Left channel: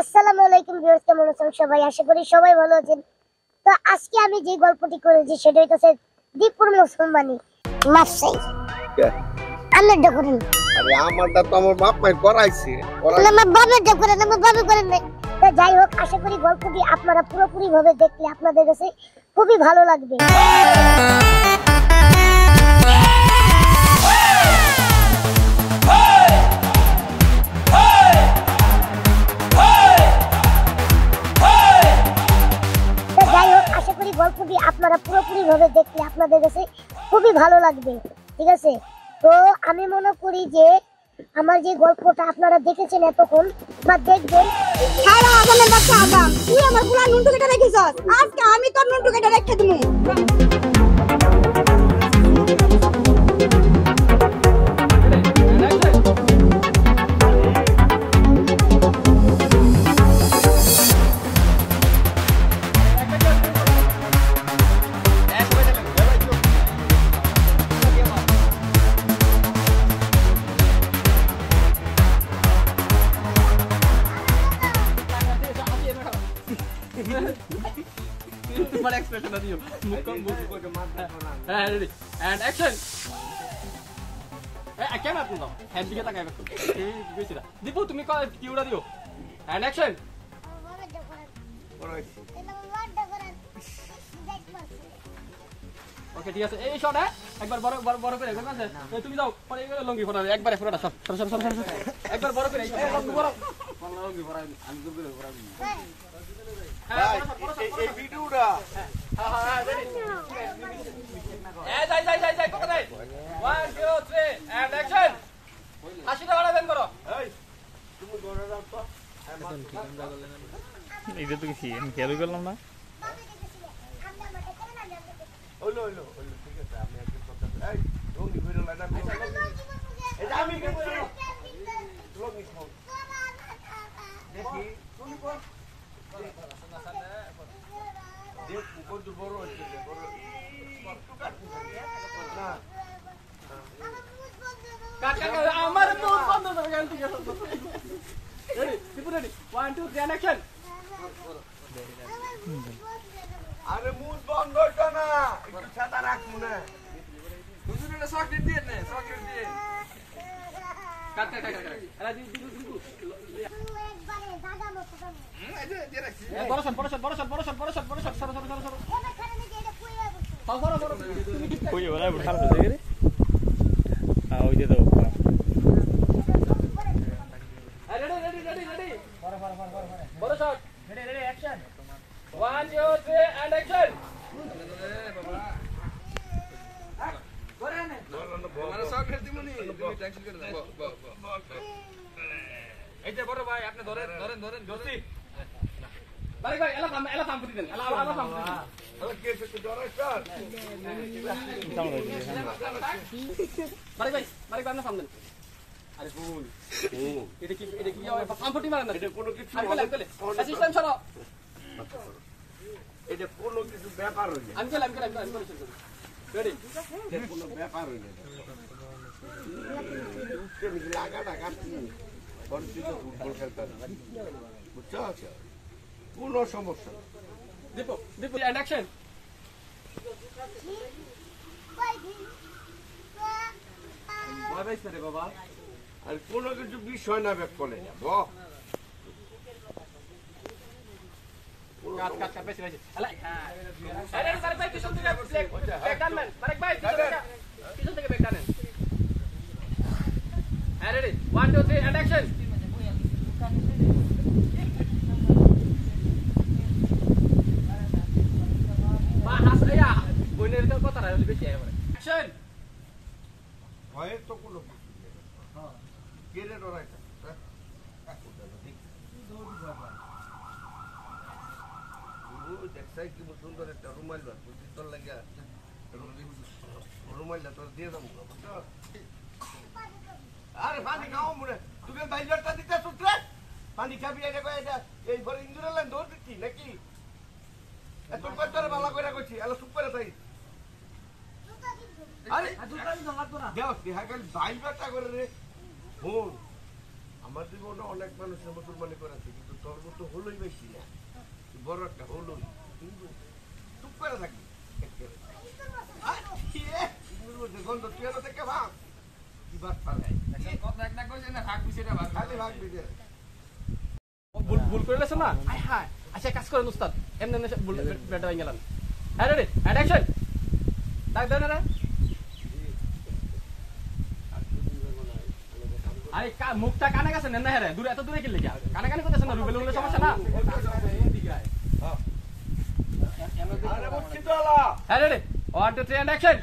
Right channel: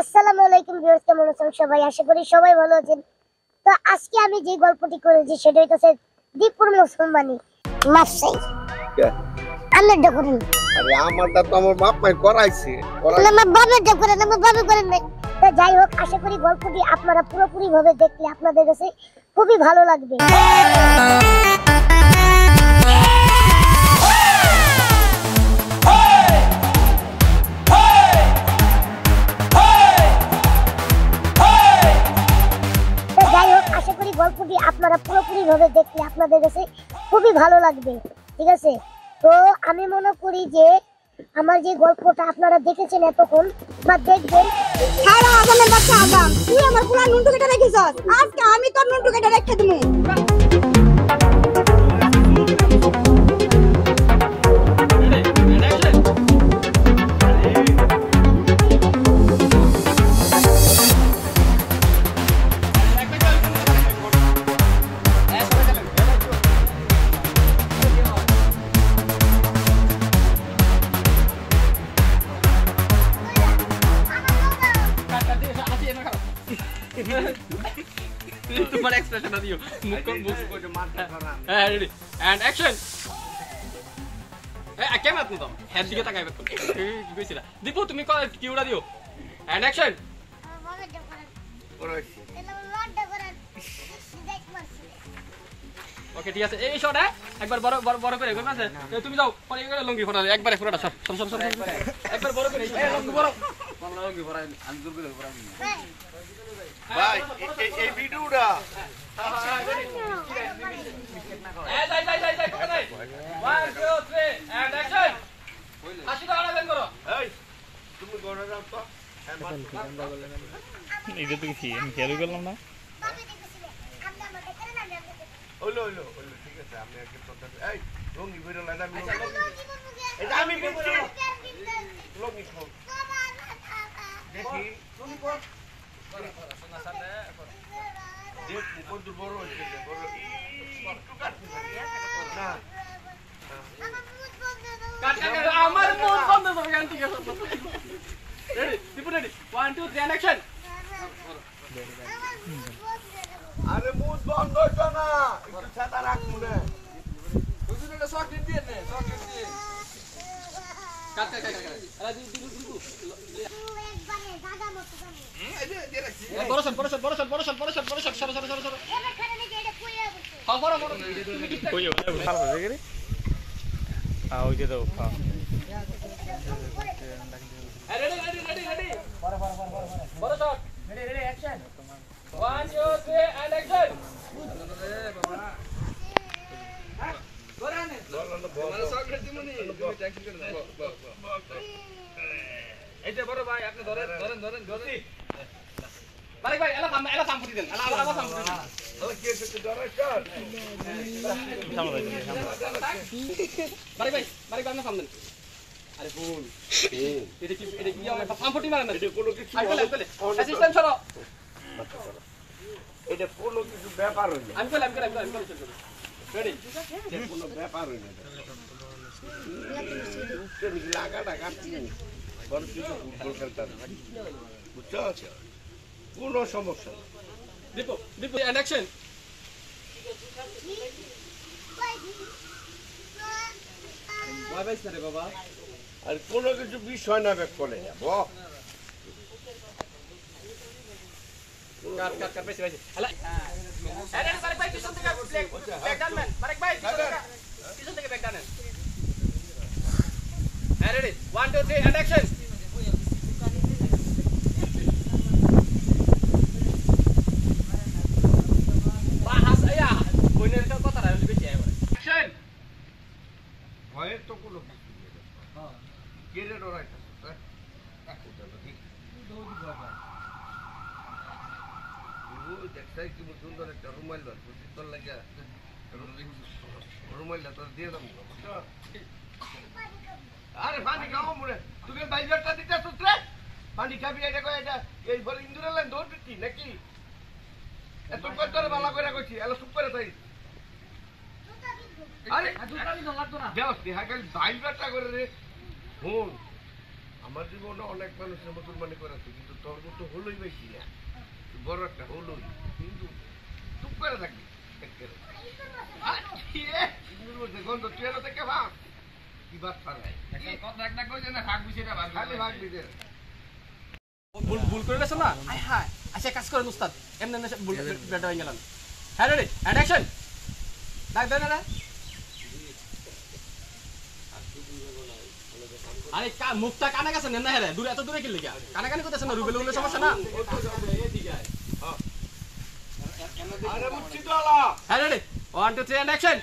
আসসালামু আলাইকুম ভিউয়ার্স, কেমন আছেন সবাই? আশা করি সবাই ভালো আছেন। তো আজকে আমি যে গল্পটি করেছি সেটা হচ্ছে দীপুর মুসলমানি মাফসাই। আল্লাহটা করেন। আরে আমারটা তো আমার বাপ মাই করাইছে। আমার বাবাটা করেন, আমার বাবা করেন না। তো যাই হোক, আশা করি গল্পটি আপনারা পুরোপুরি ভাবে দেখলে আপনাদের কাছে খুবই ভালো লাগবে। যাই হোক, আশা করি গল্পটি আপনারা পুরোপুরি ভাবে দেখলে আপনাদের কাছে খুবই ভালো লাগবে। ঠিক আছে, তো আমি মনে করি যে আমার যে গল্পটা আপনারা দেখেছেন এতক্ষণ বা দেখবেন, খারা আদমের বাচ্চা আদম, তুই আমার পুরা নুনটু কেটে রেখেছস, আজকে আমি তোর নুনটু কেটে রেখে দিমু। তোমার এক্সপ্রেশন দিও রেডি এন্ড অ্যাকশন কেমন আপনি তো হেড দিকে তাকাইবে কইছিলা দীপু তুমি কি উড়া দিও এন্ড অ্যাকশন করাইছে। ওকে ঠিক আছে এই শট একবার বড় বড় বড় করে কই আছে তুমি যাও পরে এগুলো লঙ্গি ফটা একবারে ফটাটা সব একবার বড় করে এই লঙ্গি বড় লঙ্গি ফটা আমি জোর করে ফটা ভাই এই ভিডিওটা এই তুমি গড়া রাখ তো এটা তো কি আমি খেয়াল করলাম না। হইলো ঠিক আছে, আমি আগে কথা এই লঙ্গি ভিডিও লাগা এই আমি বলছি লঙ্গি খাও দেখি লঙ্গি কর সোনা সালে দেখ কত বড় হচ্ছে বড় একটু কাটতে পারি না আমার মুখ বন্ধ করে গান ঠিক আছে রেডি দীপু রেডি 1 2 3 অ্যাকশন আরে মুখ বন্ধ হইতো না, একটু ছাতা রাখ মনে হুজুর এটা চকলেট দিয়ে নে চকলেট দিয়ে কাট আরে দীপু একবারে দাদা মতো দাও। এই যে দিয়ে রাখছি বড় শট সরো এবার খানে নাকি এটা কইয়া বসে। হ্যাঁ বড় তুমি ঠিক ওই ওরা ভালো হয়ে গেছে ওই যে দাও রেডি বড় shot ready action 1 2 3 and action বাবা গোরানে মানে চকলেট দিমুনি তুমি টেনশন করে দাও এইটা বড় ভাই আপনি ধরেন জলদি বারে ভাই এলা সাম ফুটি দেন এলা সাম ফুটি আরে কে সত্যি ডরাই স্যার বারে ভাই আপনি সাম দেন আরে ফুল এটা কি সাম ফুটি মারেন না এটা কোনো কিছু অ্যাসিস্ট্যান্ট সরো এটা কোনো কিছু ব্যাপার হইল আমি কইলাম রেডি এটা কোনো ব্যাপার হইল না উঠতে নাকি লাগাটা কাটছি বড় কিছু ফুটবল খেলতাম বুঝছো আছে কোনো সমস্যা না Dipu and action bye bye sir বাবা আর কোনো কিছু বিষয় না ব্যাক করে কাট পাইছে আলা আরে বারে ভাই পিছন থেকে ব্যাক ডান বারে ভাই পিছন থেকে back done ready 1 2 3 and action বাহাস আয়া কইলে তো কথা আর বেশি আয় অ্যাকশন ভয়ের তো কোনো কিছু নেই হ্যাঁ কেড়ে ডরাইতাম দেখছাই কি সুন্দর একটা রুমাইল বার করছি তোর লাগে রুমাইলটা তোর দিয়ে দেবো আরে পানি খাও মরে তুই বাইরটা দিতে আসছ রে পানি খাবি এটা কয় এটা এই বলে ইন্দুরের লাইন দৌড় দিচ্ছি নাকি এত কত করে বালা করে কইছি এলা চুপ করে তাই আরে দুটা দিন লাগতো না দেখ হাই খালি বাইরটা করে রে ফোন আমার জীবনে অনেক মানুষের মুসলমানি করেছে, কিন্তু তোর মতো হলোই বেশি না। তুই বড় একটা হলোই, কিন্তু চুপ করে থাকবি একেবারে। গন্ধ তুই এলো থেকে ভাব কি বাদ পারে কথা একটা কইছে না ভাগ বিষয়টা ভাগ খালি ভাগবি দে। ভুল ভুল করে গেছেন না হ্যাঁ আচ্ছা কাজ করেন উস্তাদ এমন না ভুল ব্যাটা হয়ে গেলেন হ্যাঁ রেডি অ্যান্ড অ্যাকশন ডাক দেন না আরে মুখটা কানে গেছে না হ্যাঁ দূরে এত দূরে গেলে কি কানে কানে কইতেছেন না রুবেল উল্লে সমস্যা না এদিকে আয় আরে বুঝছি তো আলা। হ্যাঁ রেডি 1 2 3 অ্যান্ড অ্যাকশন